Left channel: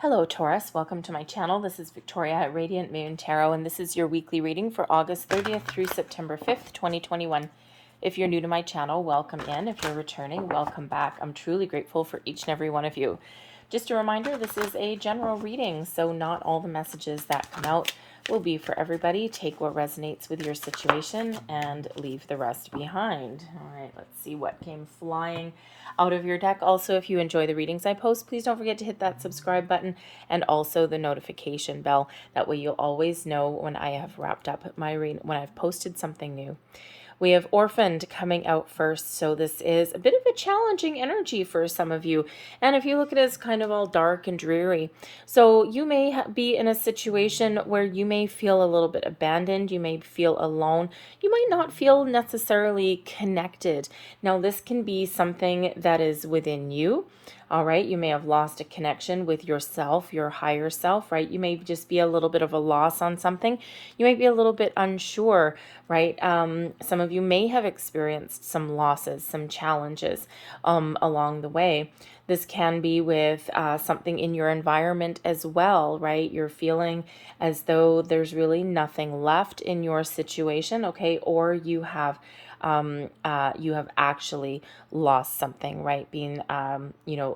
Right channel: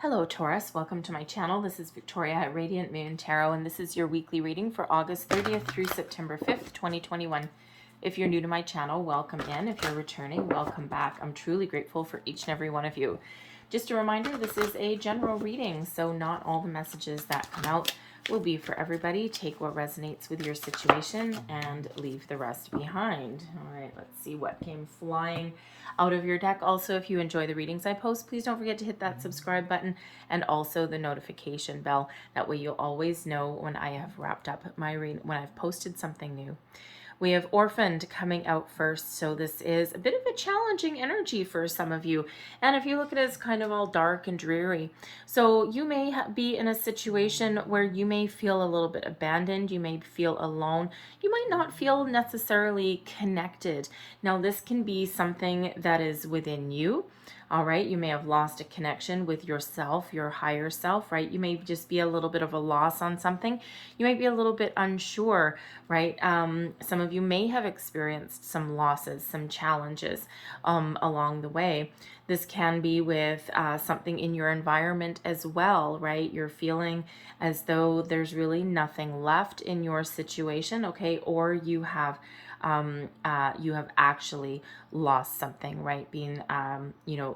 Hello Taurus, welcome to my channel. This is Victoria at Radiant Moon Tarot, and this is your weekly reading for August 30th through September 5th, 2021. If you're new to my channel, welcome in. If you're returning, welcome back. I'm truly grateful for each and every one of you. Just a reminder, this is a general reading, so not all the messages that come out will be for everybody. Take what resonates with your situation and leave the rest behind. All right, let's see what came flying out of your deck. Also, if you enjoy the readings I post, please don't forget to hit that subscribe button and also the notification bell. That way you'll always know when I have wrapped up my reading, when I've posted something new. We have Orphaned coming out first, so this is a bit of a challenging energy for some of you. And if you look at it, it's kind of all dark and dreary. So you may be in a situation where you may feel a little bit abandoned. You may feel alone. You might not feel necessarily connected. Now, this can be something that is within you. All right, you may have lost a connection with yourself, your higher self, right? You may just be a little bit of a loss on something. You may be a little bit unsure, right? Some of you may have experienced some losses, some challenges along the way. This can be with something in your environment as well, right? You're feeling as though there's really nothing left in your situation, okay? Or you have actually lost something, right? Being,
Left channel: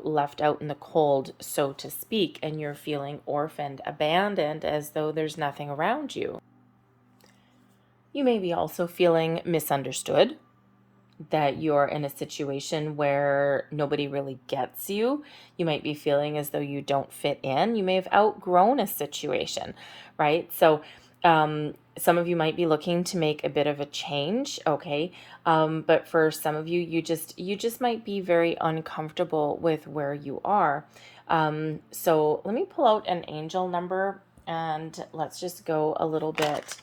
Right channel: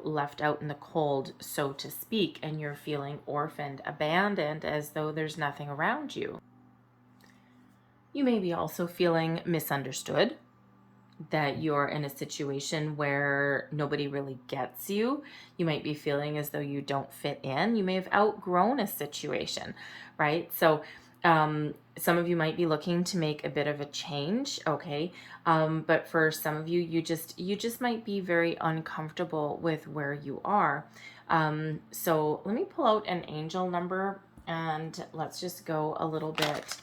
left out in the cold, so to speak, and you're feeling orphaned, abandoned, as though there's nothing around you. You may be also feeling misunderstood, that you're in a situation where nobody really gets you. You might be feeling as though you don't fit in. You may have outgrown a situation, right? So some of you might be looking to make a bit of a change, okay? But for some of you, you just might be very uncomfortable with where you are. So let me pull out an angel number and let's just go a little bit,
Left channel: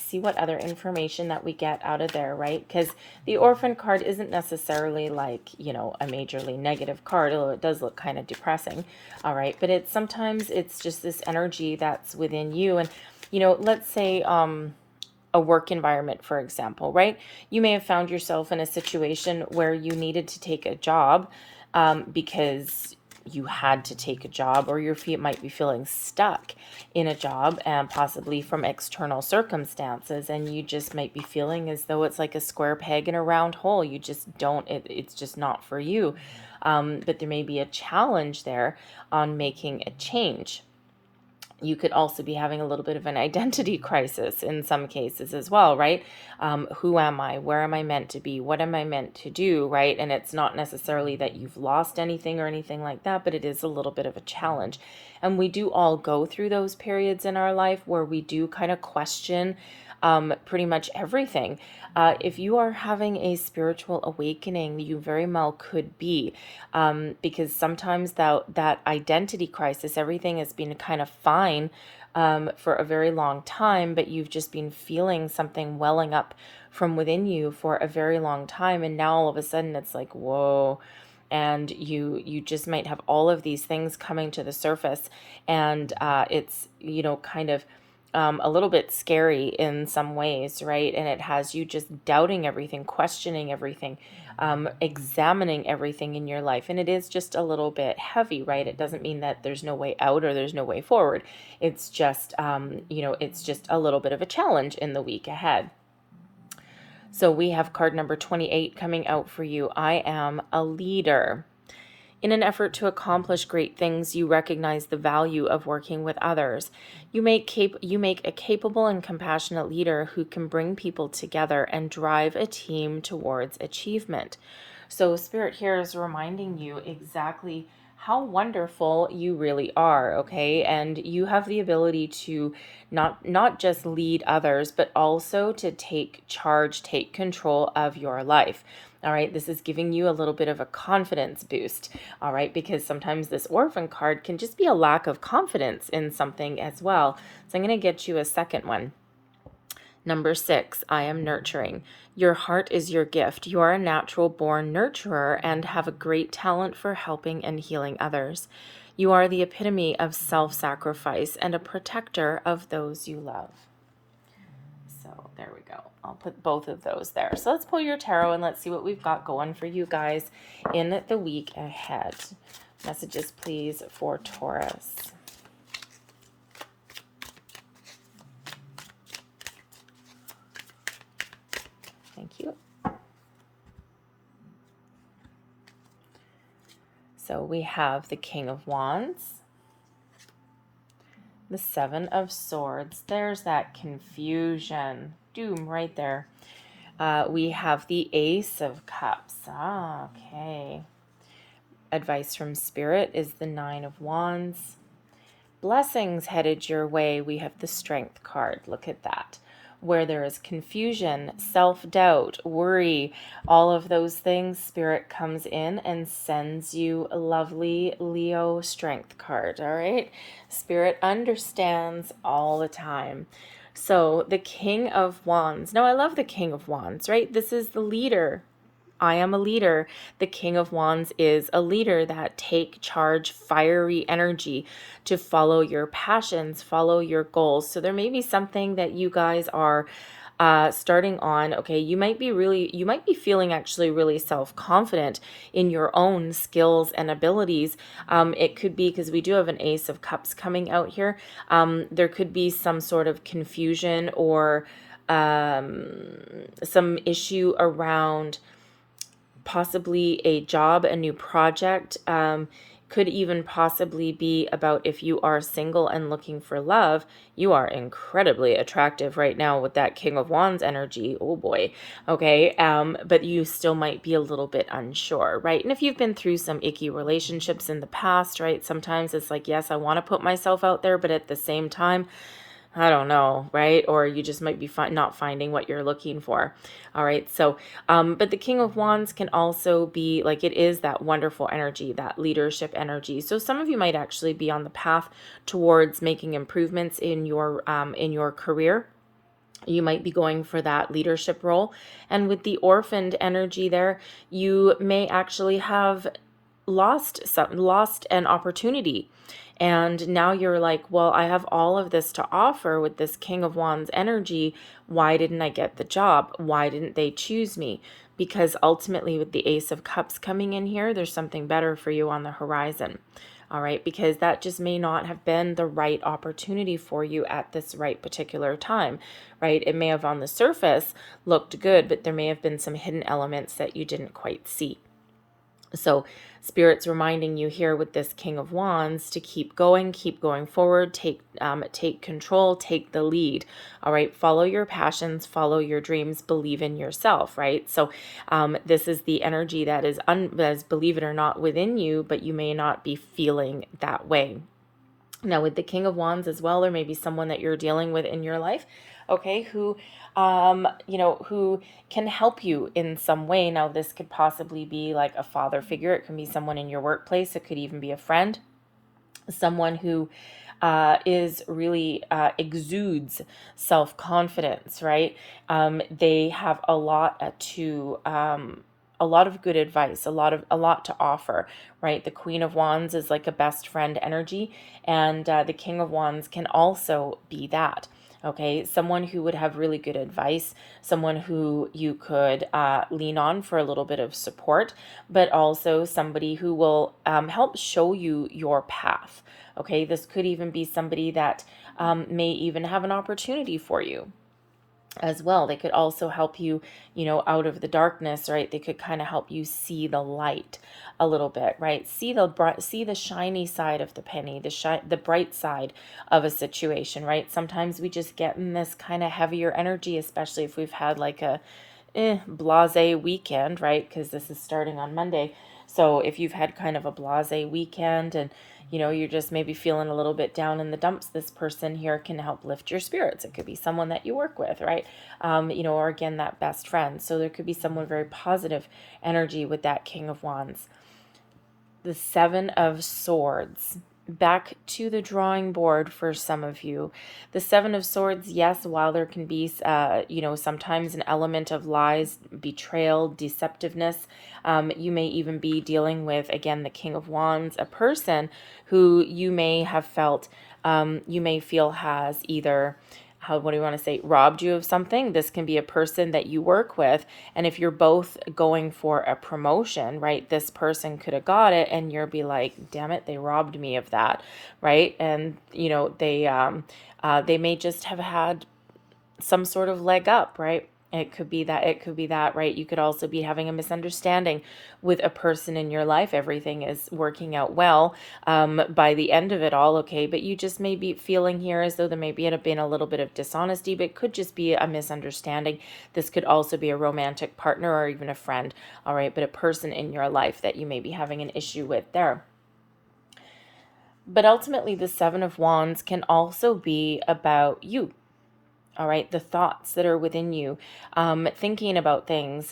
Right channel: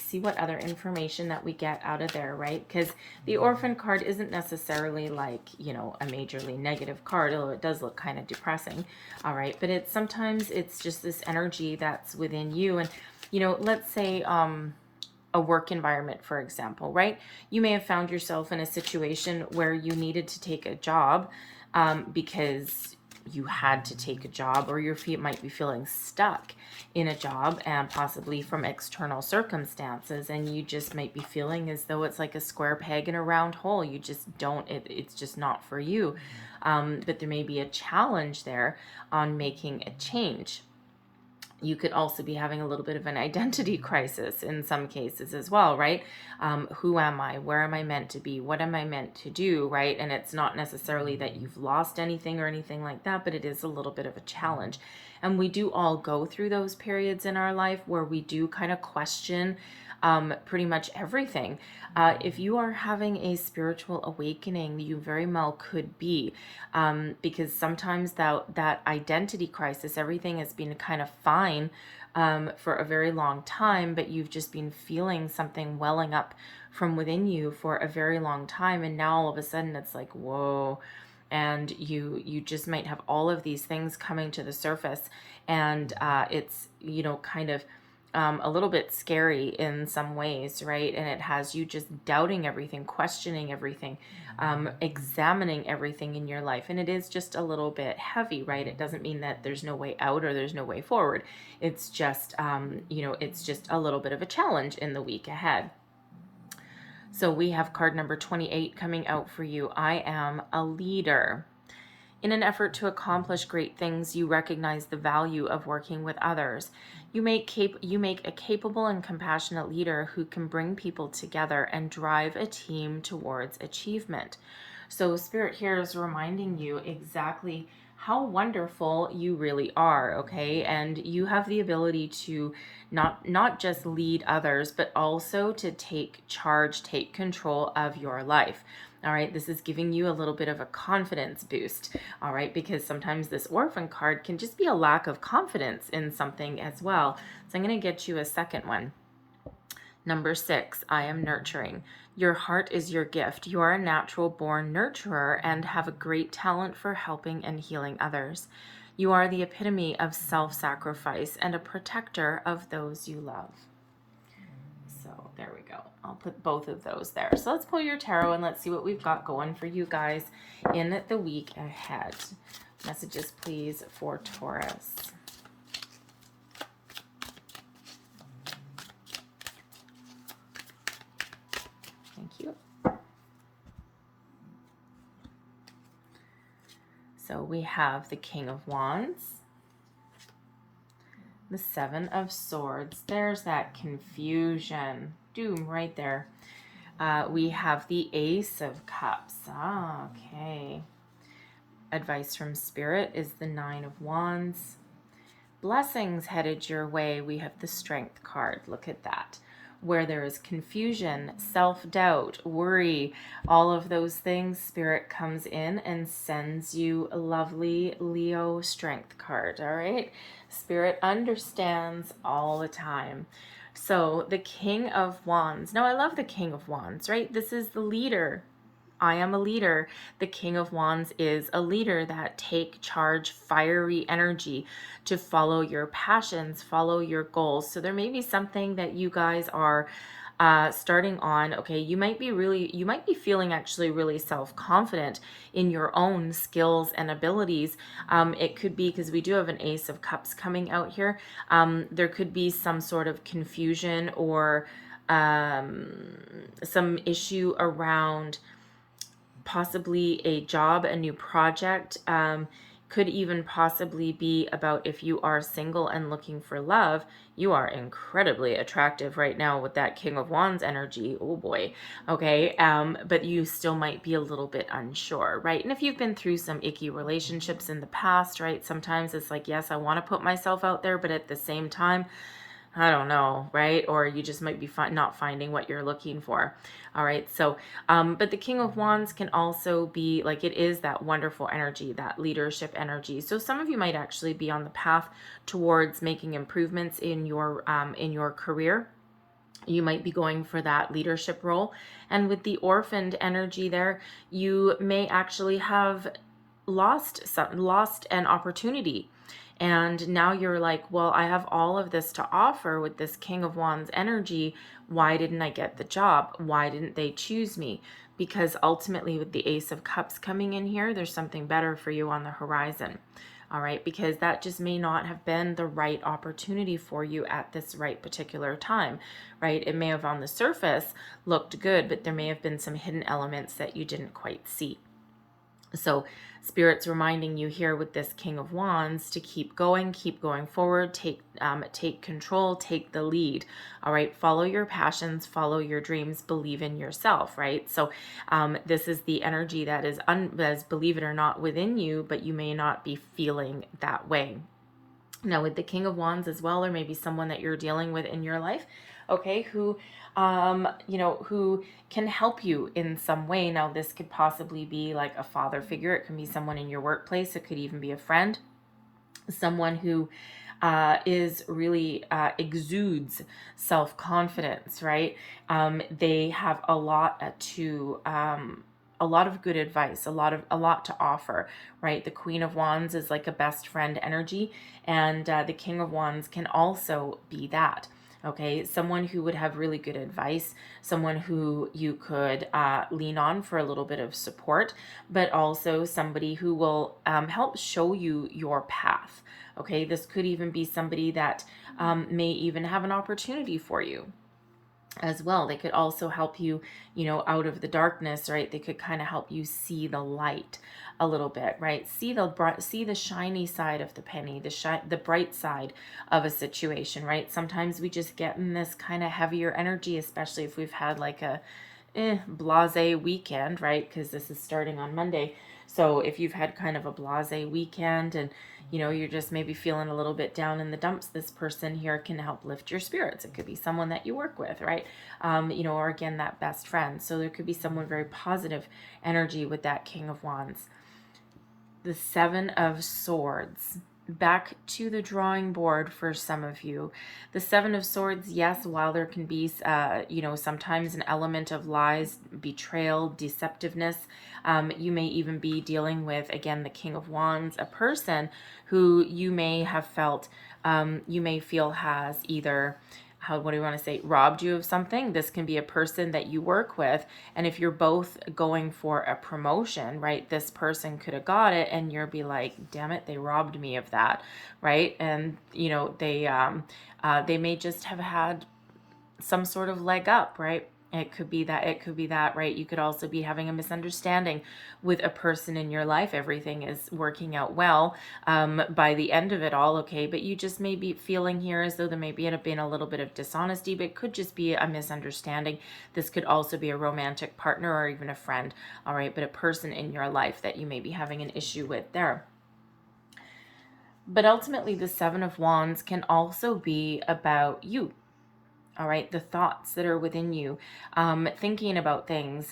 see what other information that we get out of there, right? Because the orphan card isn't necessarily like, a majorly negative card, although it does look kind of depressing, all right? But sometimes it's just this energy that's within you. And, let's say a work environment, for example, right? You may have found yourself in a situation where you needed to take a job because you had to take a job, or your feet might be feeling stuck in a job and possibly from external circumstances, and you just might be feeling as though it's like a square peg in a round hole. You just don't, it's just not for you. But there may be a challenge there on making a change. You could also be having a little bit of an identity crisis in some cases as well, right? Who am I? Where am I meant to be? What am I meant to do, right? And it's not necessarily that you've lost anything or anything like that, but it is a little bit of a challenge. And we do all go through those periods in our life where we do kind of question pretty much everything. If you are having a spiritual awakening, you very well could be, because sometimes that identity crisis, everything has been kind of fine for a very long time, but you've just been feeling something welling up from within you for a very long time, and now all of a sudden it's like, whoa. And you just might have all of these things coming to the surface, and it's kind of a little bit scary in some ways, right? And it has you just doubting everything, questioning everything, examining everything in your life. And it is just a little bit heavy, right? It doesn't mean that there's no way out or there's no way forward. It's just, it's just a little bit of a challenge in the week ahead. So we have card number 28 coming out for you. I am a leader. In an effort to accomplish great things, you recognize the value of working with others. You make a capable and compassionate leader who can bring people together and drive a team towards achievement. So Spirit here is reminding you exactly how wonderful you really are, okay? And you have the ability to not just lead others, but also to take charge, take control of your life. All right, this is giving you a little bit of a confidence boost, all right, because sometimes this orphan card can just be a lack of confidence in something as well. So I'm going to get you a second one. Number 6, I am nurturing. Your heart is your gift. You are a natural born nurturer and have a great talent for helping and healing others. You are the epitome of self-sacrifice and a protector of those you love. So there we go. I'll put both of those there. So let's pull your tarot and let's see what we've got going for you guys in the week ahead. Messages, please, for Taurus. Thank you. So we have the King of Wands, the Seven of Swords. There's that confusion. Doom right there. We have the Ace of Cups. Okay. Advice from Spirit is the Nine of Wands. Blessings headed your way. We have the Strength card. Look at that. Where there is confusion, self-doubt, worry, all of those things, Spirit comes in and sends you a lovely Leo Strength card, all right? Spirit understands all the time. So the King of Wands. Now, I love the King of Wands, right? This is the leader. I am a leader. The King of Wands is a leader that take charge, fiery energy to follow your passions, follow your goals. So there may be something that you guys are starting on. Okay, you might be feeling actually really self-confident in your own skills and abilities. It could be because we do have an Ace of Cups coming out here. There could be some sort of confusion or some issue around possibly a job, a new project, could even possibly be about if you are single and looking for love. You are incredibly attractive right now with that King of Wands energy. Oh boy. Okay. But you still might be a little bit unsure, right? And if you've been through some icky relationships in the past, right? Sometimes it's like, yes, I want to put myself out there, but at the same time, I don't know, right? Or you just might be not finding what you're looking for. All right. So, but the King of Wands can also be like, it is that wonderful energy, that leadership energy. So some of you might actually be on the path towards making improvements in your career. You might be going for that leadership role. And with the orphaned energy there, you may actually have lost an opportunity. And now you're like, well, I have all of this to offer with this King of Wands energy. Why didn't I get the job? Why didn't they choose me? Because ultimately with the Ace of Cups coming in here, there's something better for you on the horizon. All right, because that just may not have been the right opportunity for you at this right particular time, right? It may have on the surface looked good, but there may have been some hidden elements that you didn't quite see. So Spirit's reminding you here with this King of Wands to keep going forward, take control, take the lead. All right, follow your passions, follow your dreams, believe in yourself, right? So this is the energy that is, believe it or not, within you, but you may not be feeling that way. Now with the King of Wands as well, there may be someone that you're dealing with in your life, okay, who who can help you in some way. Now, this could possibly be like a father figure. It can be someone in your workplace. It could even be a friend, someone who is really exudes self-confidence, right? They have a lot of good advice, a lot to offer, right? The Queen of Wands is like a best friend energy, and the King of Wands can also be that. Okay, someone who would have really good advice, someone who you could lean on for a little bit of support, but also somebody who will help show you your path. Okay, this could even be somebody that may even have an opportunity for you as well. They could also help you, out of the darkness, right? They could kind of help you see the light a little bit, right? See the shiny side of the penny, the bright side of a situation, right? Sometimes we just get in this kind of heavier energy, especially if we've had like a blasé weekend, right? Because this is starting on Monday. So if you've had kind of a blasé weekend and you're just maybe feeling a little bit down in the dumps, this person here can help lift your spirits. It could be someone that you work with, right? Or again, that best friend. So there could be someone very positive energy with that King of Wands. The Seven of Swords. Back to the drawing board for some of you. The Seven of Swords, yes, while there can be, sometimes an element of lies, betrayal, deceptiveness, you may even be dealing with, again, the King of Wands, a person who you may have felt, you may feel has either what do you want to say, robbed you of something. This can be a person that you work with. And if you're both going for a promotion, right, this person could have got it and you'll be like, damn it, they robbed me of that, right? And, they may just have had some sort of leg up, right? It could be that, right? You could also be having a misunderstanding with a person in your life. Everything is working out well by the end of it all, okay? But you just may be feeling here as though there may have been a little bit of dishonesty, but it could just be a misunderstanding. This could also be a romantic partner or even a friend, all right? But a person in your life that you may be having an issue with there. But ultimately, the Seven of Wands can also be about you. All right, the thoughts that are within you, thinking about things,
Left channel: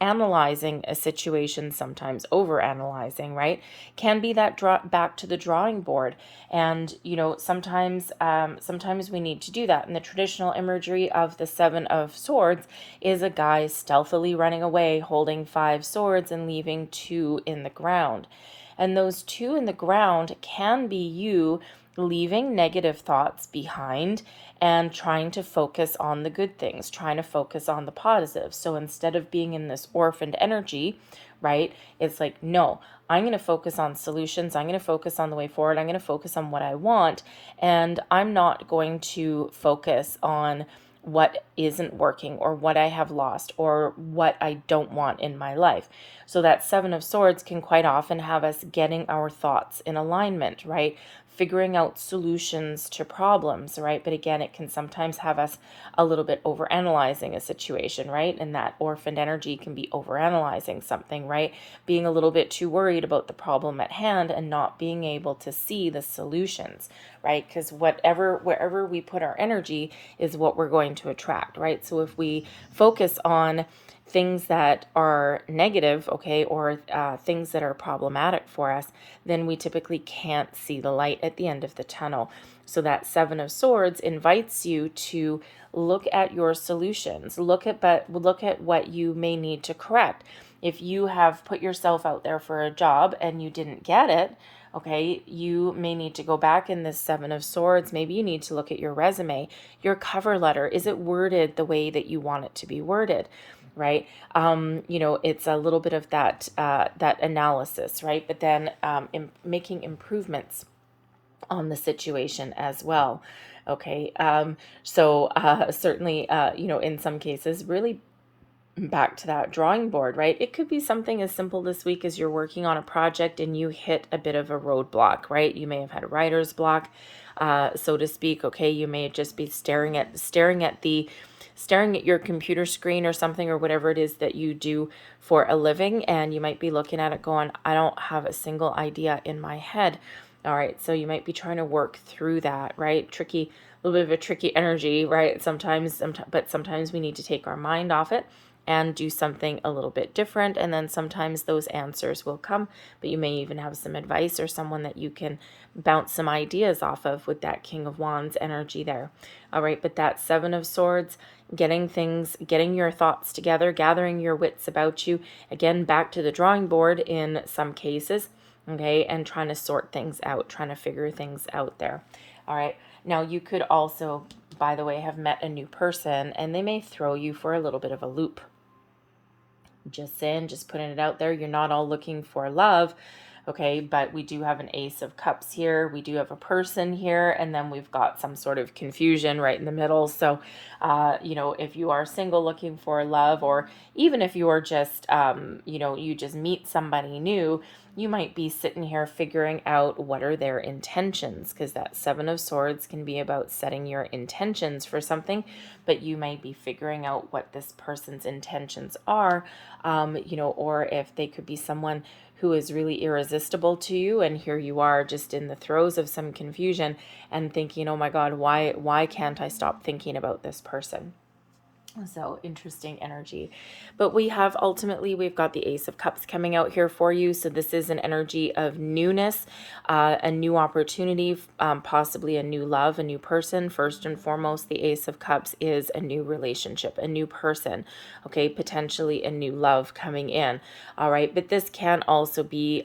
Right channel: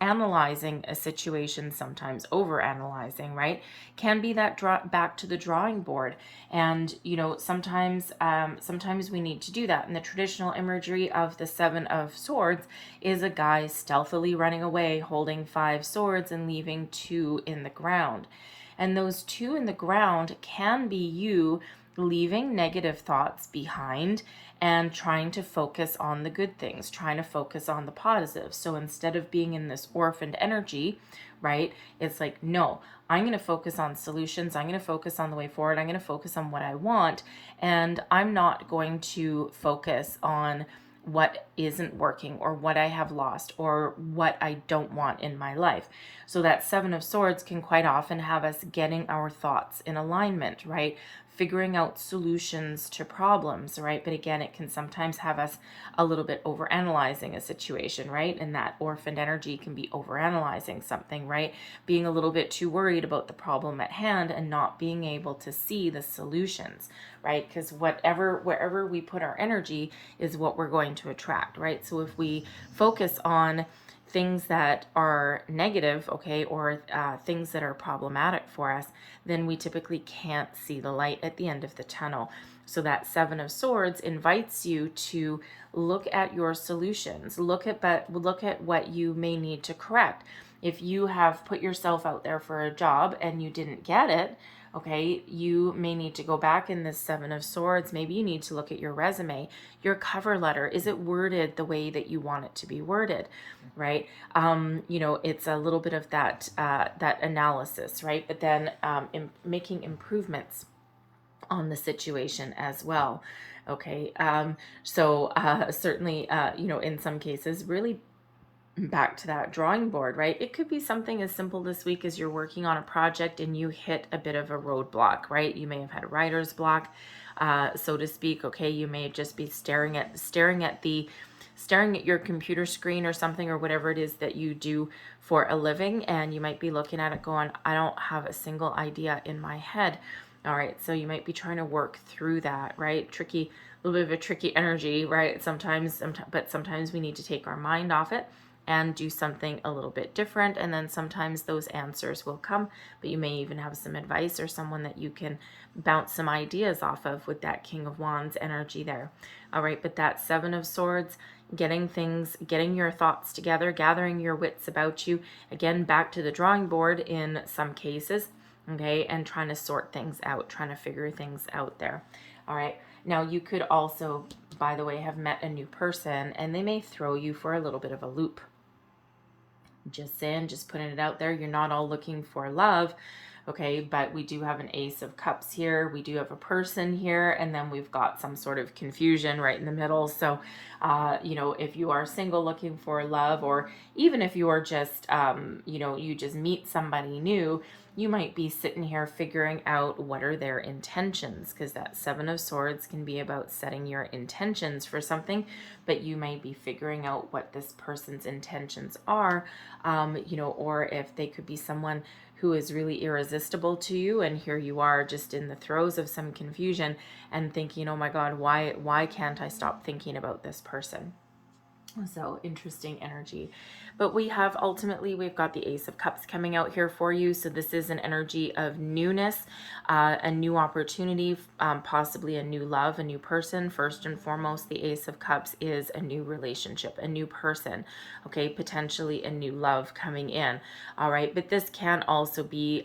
analyzing a situation, sometimes over analyzing, right, can be that back to the drawing board. And sometimes we need to do that. And the traditional imagery of the Seven of Swords is a guy stealthily running away holding 5 swords and leaving 2 in the ground. And those 2 in the ground can be you leaving negative thoughts behind and trying to focus on the good things, trying to focus on the positive. So instead of being in this orphaned energy, right, it's like, no, I'm going to focus on solutions. I'm going to focus on the way forward. I'm going to focus on what I want. And I'm not going to focus on what isn't working or what I have lost or what I don't want in my life. So that Seven of Swords can quite often have us getting our thoughts in alignment, right? Figuring out solutions to problems, right? But again, it can sometimes have us a little bit overanalyzing a situation, right? And that orphaned energy can be overanalyzing something, right? Being a little bit too worried about the problem at hand and not being able to see the solutions, right? Because wherever we put our energy is what we're going to attract, right? So if we focus on things that are negative, okay, or things that are problematic for us, then we typically can't see the light at the end of the tunnel. So that Seven of Swords invites you to look at your solutions, look at what you may need to correct. If you have put yourself out there for a job and you didn't get it, okay, you may need to go back in this Seven of Swords. Maybe you need to look at your resume, your cover letter. Is it worded the way that you want it to be worded, right? It's a little bit of that analysis, right? But then making improvements on the situation as well. Okay, certainly, in some cases, really back to that drawing board, right? It could be something as simple this week as you're working on a project and you hit a bit of a roadblock, right? You may have had a writer's block, so to speak. Okay, you may just be staring at your computer screen or something, or whatever it is that you do for a living, and you might be looking at it going, I don't have a single idea in my head. All right, so you might be trying to work through that, right? Tricky, a little bit of a tricky energy, right? But sometimes we need to take our mind off it and do something a little bit different. And then sometimes those answers will come, but you may even have some advice or someone that you can bounce some ideas off of with that King of Wands energy there. All right, but that Seven of Swords, getting your thoughts together, gathering your wits about you, again, back to the drawing board in some cases, okay, and trying to sort things out, trying to figure things out there. All right, now you could also, by the way, have met a new person and they may throw you for a little bit of a loop. Just saying, just putting it out there. You're not all looking for love, okay? But we do have an Ace of Cups here. We do have a person here, and then we've got some sort of confusion right in the middle. So, if you are single looking for love, or even if you are just, you just meet somebody new, you might be sitting here figuring out what are their intentions, because that Seven of Swords can be about setting your intentions for something, but you might be figuring out what this person's intentions are, or if they could be someone who is really irresistible to you, and here you are just in the throes of some confusion and thinking, oh my God, why can't I stop thinking about this person? So interesting energy. But we've got the Ace of Cups coming out here for you. So this is an energy of newness, a new opportunity, possibly a new love, a new person. First and foremost, the Ace of Cups is a new relationship, a new person, okay, potentially a new love coming in. All right, but this can also be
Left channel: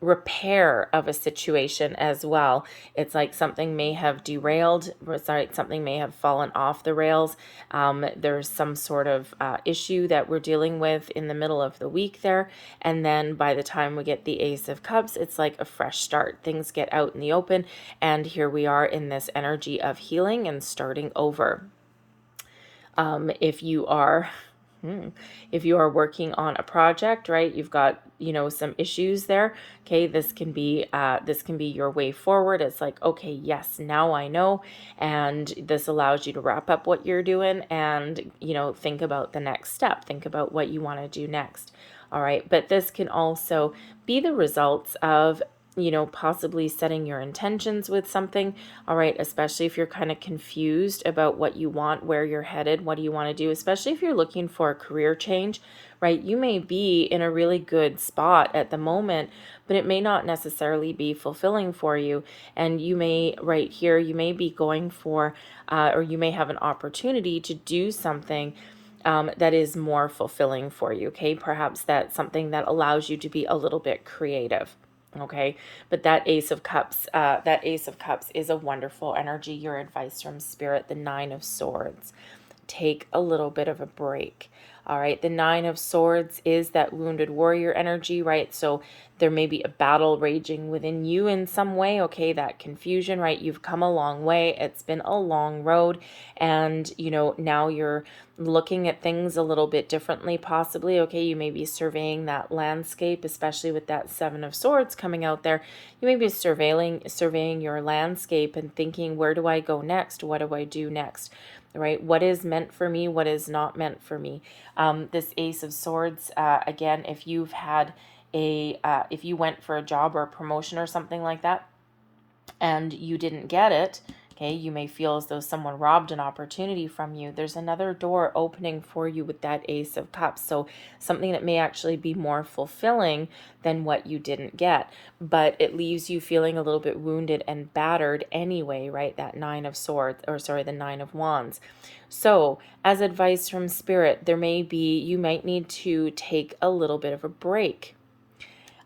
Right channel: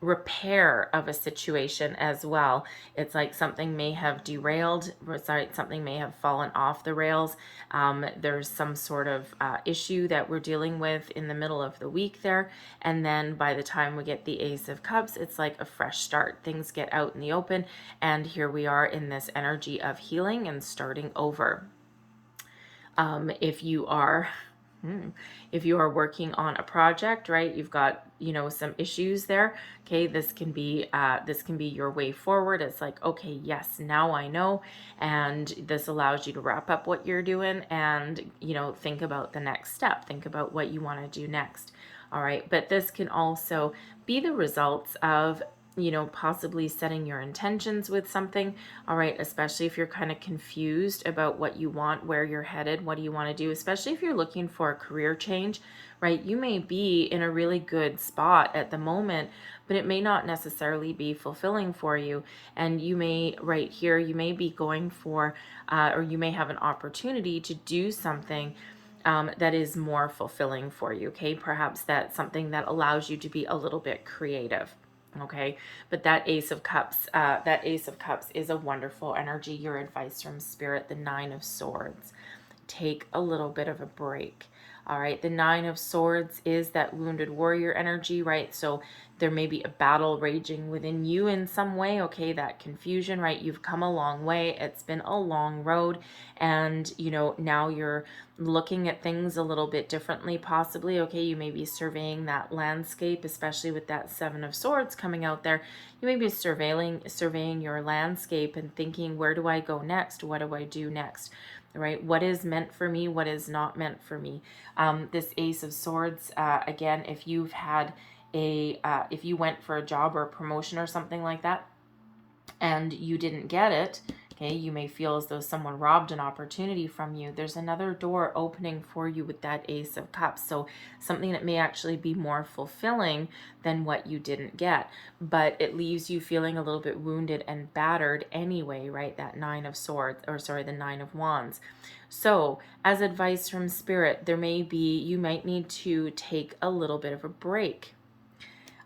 repair of a situation as well. It's like something may have derailed, sorry, something may have fallen off the rails. There's some sort of issue that we're dealing with in the middle of the week there. And then by the time we get the Ace of Cups, it's like a fresh start. Things get out in the open. And here we are in this energy of healing and starting over. If you are if you are working on a project, right, you've got, some issues there. Okay, this can be your way forward. It's like, okay, yes, now I know, and this allows you to wrap up what you're doing and, think about the next step. Think about what you want to do next. All right, but this can also be the results of possibly setting your intentions with something. All right, especially if you're kind of confused about what you want, where you're headed, what do you want to do, especially if you're looking for a career change, right? You may be in a really good spot at the moment, but it may not necessarily be fulfilling for you. And you may, right here, you may be going for, or you may have an opportunity to do something that is more fulfilling for you. Okay, perhaps that's something that allows you to be a little bit creative. Okay, but that Ace of Cups is a wonderful energy. Your advice from Spirit, the Nine of Swords. Take a little bit of a break. All right, the Nine of Swords is that wounded warrior energy, right? So there may be a battle raging within you in some way, okay? That confusion, right? You've come a long way. It's been a long road, and now you're looking at things a little bit differently, possibly. Okay, you may be surveying that landscape, especially with that Seven of Swords coming out there. You may be surveying your landscape and thinking, where do I go next? What do I do next? Right? What is meant for me? What is not meant for me? This Ace of Swords, again, if you've had if you went for a job or a promotion or something like that, and you didn't get it, okay, you may feel as though someone robbed an opportunity from you. There's another door opening for you with that Ace of Cups. So something that may actually be more fulfilling than what you didn't get, but it leaves you feeling a little bit wounded and battered anyway, right? That Nine of Swords, or sorry, the Nine of Wands. So as advice from Spirit, you might need to take a little bit of a break.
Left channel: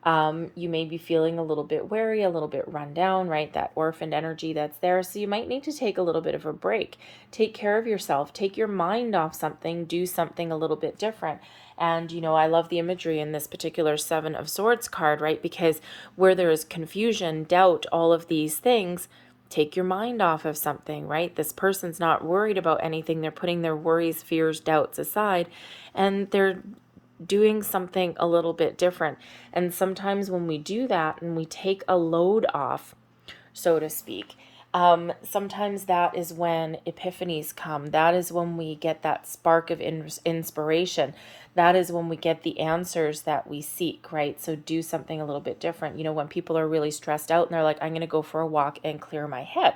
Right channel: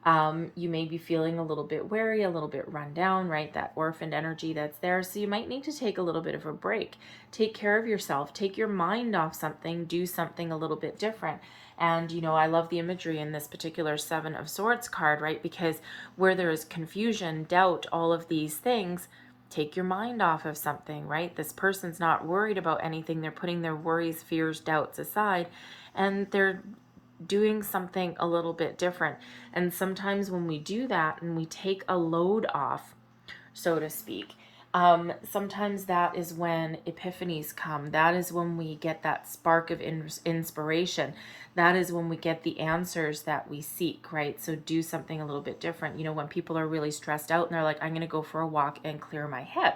You may be feeling a little bit weary, a little bit run down, right? That orphaned energy that's there. So you might need to take a little bit of a break. Take care of yourself. Take your mind off something. Do something a little bit different. And, I love the imagery in this particular Seven of Swords card, right? Because where there is confusion, doubt, all of these things, take your mind off of something, right? This person's not worried about anything. They're putting their worries, fears, doubts aside, and they're doing something a little bit different. And sometimes when we do that and we take a load off, so to speak, sometimes that is when epiphanies come. That is when we get that spark of inspiration. That is when we get the answers that we seek, right? So do something a little bit different. When people are really stressed out and they're like, I'm going to go for a walk and clear my head.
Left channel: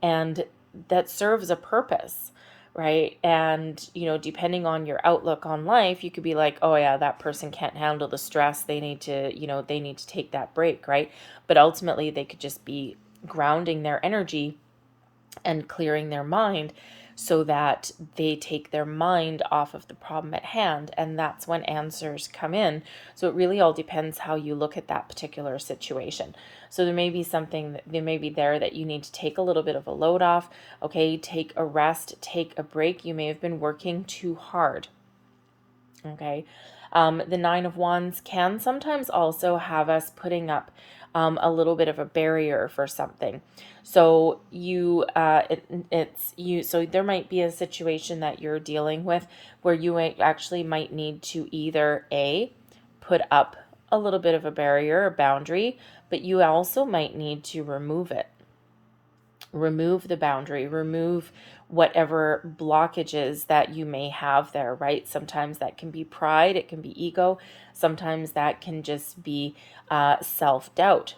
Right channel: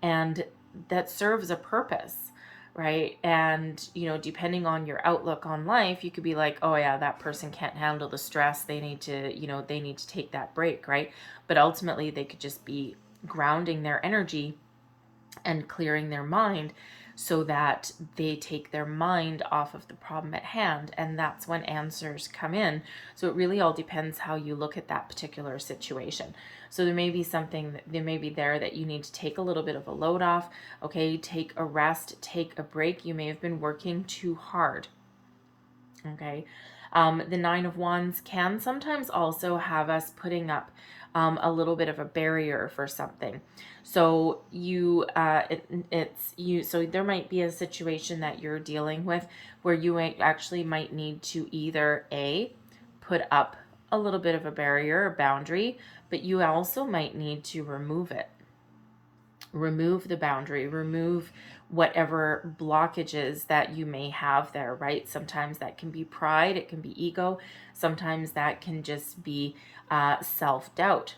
And that serves a purpose, right? And, depending on your outlook on life, you could be like, oh yeah, that person can't handle the stress. They need to take that break, right? But ultimately they could just be grounding their energy and clearing their mind so that they take their mind off of the problem at hand. And that's when answers come in. So it really all depends how you look at that particular situation. So there may be something that may be there that you need to take a little bit of a load off. Okay, take a rest, take a break. You may have been working too hard. Okay. The Nine of Wands can sometimes also have us putting up a little bit of a barrier for something. So so there might be a situation that you're dealing with where you actually might need to either put up a little bit of a barrier or boundary, but you also might need to remove it. Remove the boundary, remove whatever blockages that you may have there, right? Sometimes that can be pride, it can be ego. Sometimes that can just be self-doubt.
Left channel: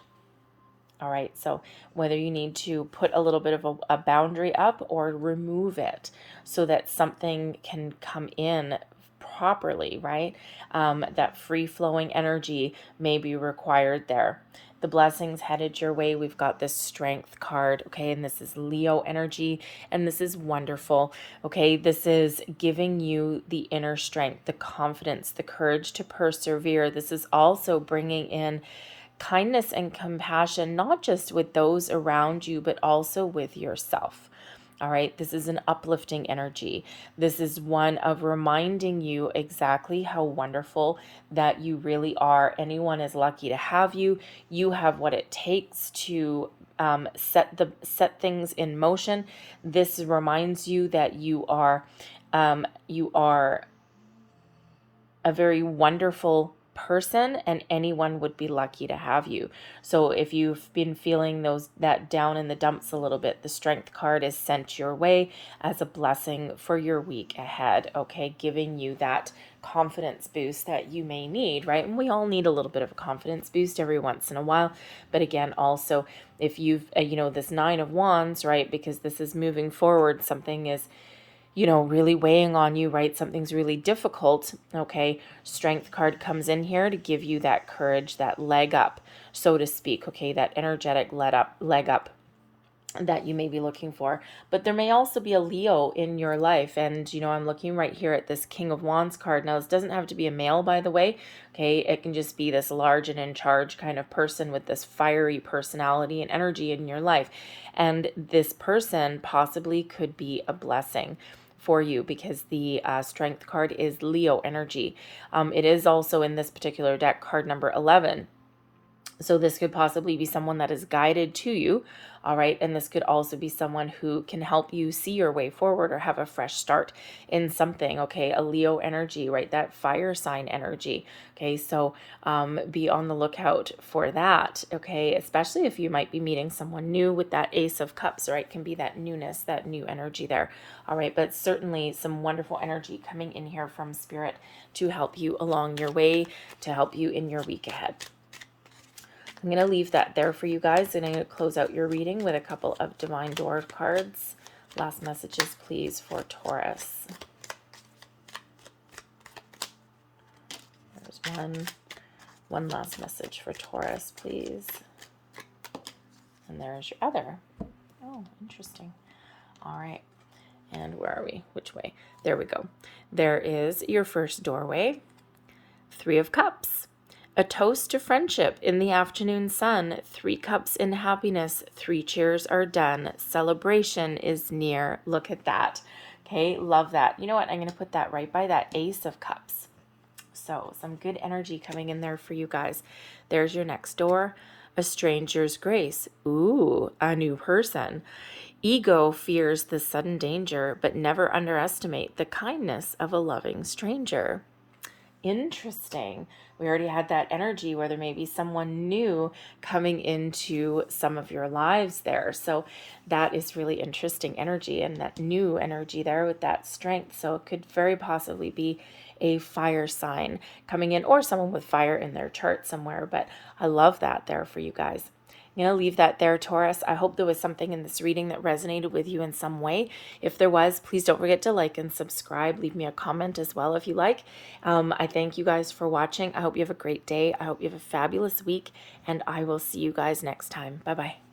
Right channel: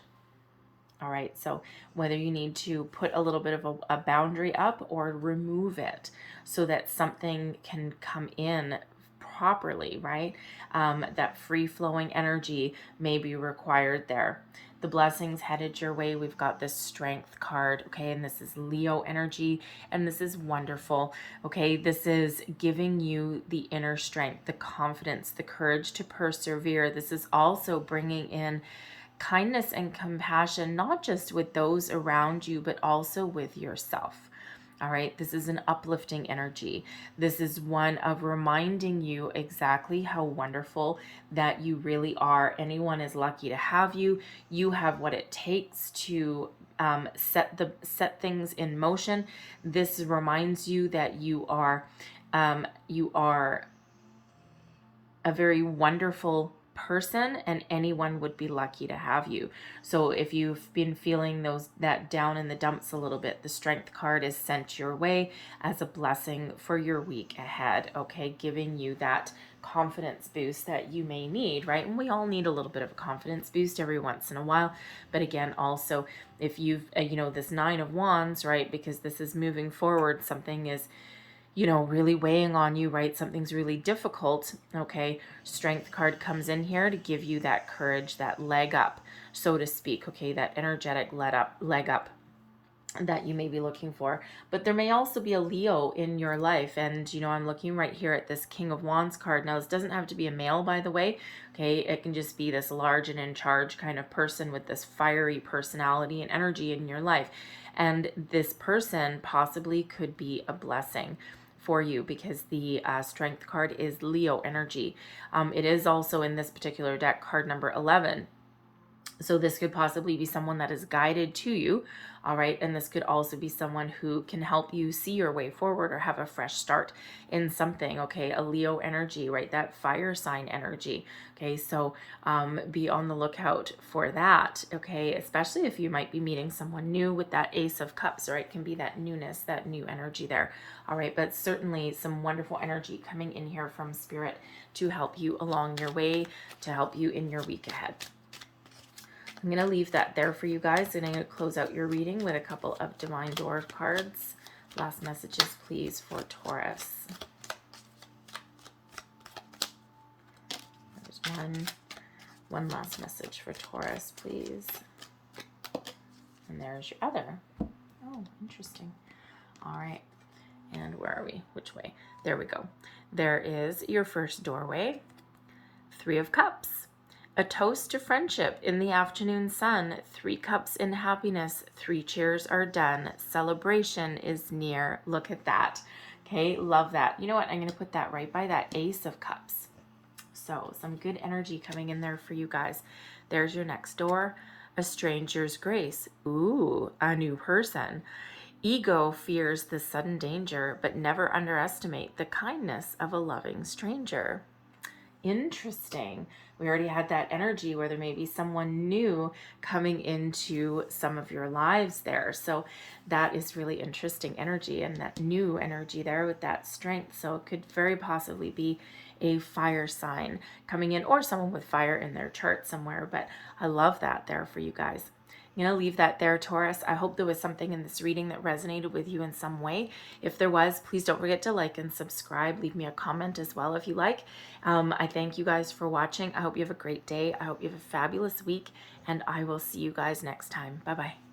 All right, so whether you need to put a little bit of a boundary up or remove it so that something can come in properly, right? That free-flowing energy may be required there. The blessings headed your way. We've got this Strength card, okay? And this is Leo energy, and this is wonderful, okay? This is giving you the inner strength, the confidence, the courage to persevere. This is also bringing in kindness and compassion, not just with those around you, but also with yourself. All right, this is an uplifting energy. This is one of reminding you exactly how wonderful that you really are. Anyone is lucky to have you. You have what it takes to set things in motion. This reminds you that you are a very wonderful person, and anyone would be lucky to have you. So if you've been feeling that down in the dumps a little bit, the Strength card is sent your way as a blessing for your week ahead, okay? Giving you that confidence boost that you may need, right? And we all need a little bit of a confidence boost every once in a while. But again, also, if you've, this Nine of Wands, right? Because this is moving forward, something is really weighing on you, right? Something's really difficult, okay? Strength card comes in here to give you that courage, that leg up, so to speak, okay? That energetic leg up that you may be looking for. But there may also be a Leo in your life. And, I'm looking right here at this King of Wands card. Now, this doesn't have to be a male, by the way, okay? It can just be this large and in charge kind of person with this fiery personality and energy in your life. And this person possibly could be a blessing for you, because the Strength card is Leo energy. It is also in this particular deck card number 11. So this could possibly be someone that is guided to you, all right? And this could also be someone who can help you see your way forward or have a fresh start in something, okay? A Leo energy, right? That fire sign energy, okay? So be on the lookout for that, okay? Especially if you might be meeting someone new with that Ace of Cups, right? Can be that newness, that new energy there, all right? But certainly some wonderful energy coming in here from Spirit to help you along your way, to help you in your week ahead. I'm going to leave that there for you guys, and I'm going to close out your reading with a couple of Divine Door cards. Last messages, please, for Taurus. There's one last message for Taurus, please. And there's your other. Oh, interesting. All right. And where are we? Which way? There we go. There is your first doorway. Three of Cups. A toast to friendship in the afternoon sun. 3 cups in happiness. 3 cheers are done. Celebration is near. Look at that. Okay, love that. You know what? I'm going to put that right by that Ace of Cups. So some good energy coming in there for you guys. There's your next door. A stranger's grace. Ooh, a new person. Ego fears the sudden danger, but never underestimate the kindness of a loving stranger. Interesting. We already had that energy where there may be someone new coming into some of your lives there. So that is really interesting energy, and that new energy there with that strength. So it could very possibly be a fire sign coming in, or someone with fire in their chart somewhere. But I love that there for you guys. I'm going to leave that there, Taurus. I hope there was something in this reading that resonated with you in some way. If there was, please don't forget to like and subscribe. Leave me a comment as well if you like. I thank you guys for watching. I hope you have a great day. I hope you have a fabulous week, and I will see you guys next time. Bye-bye.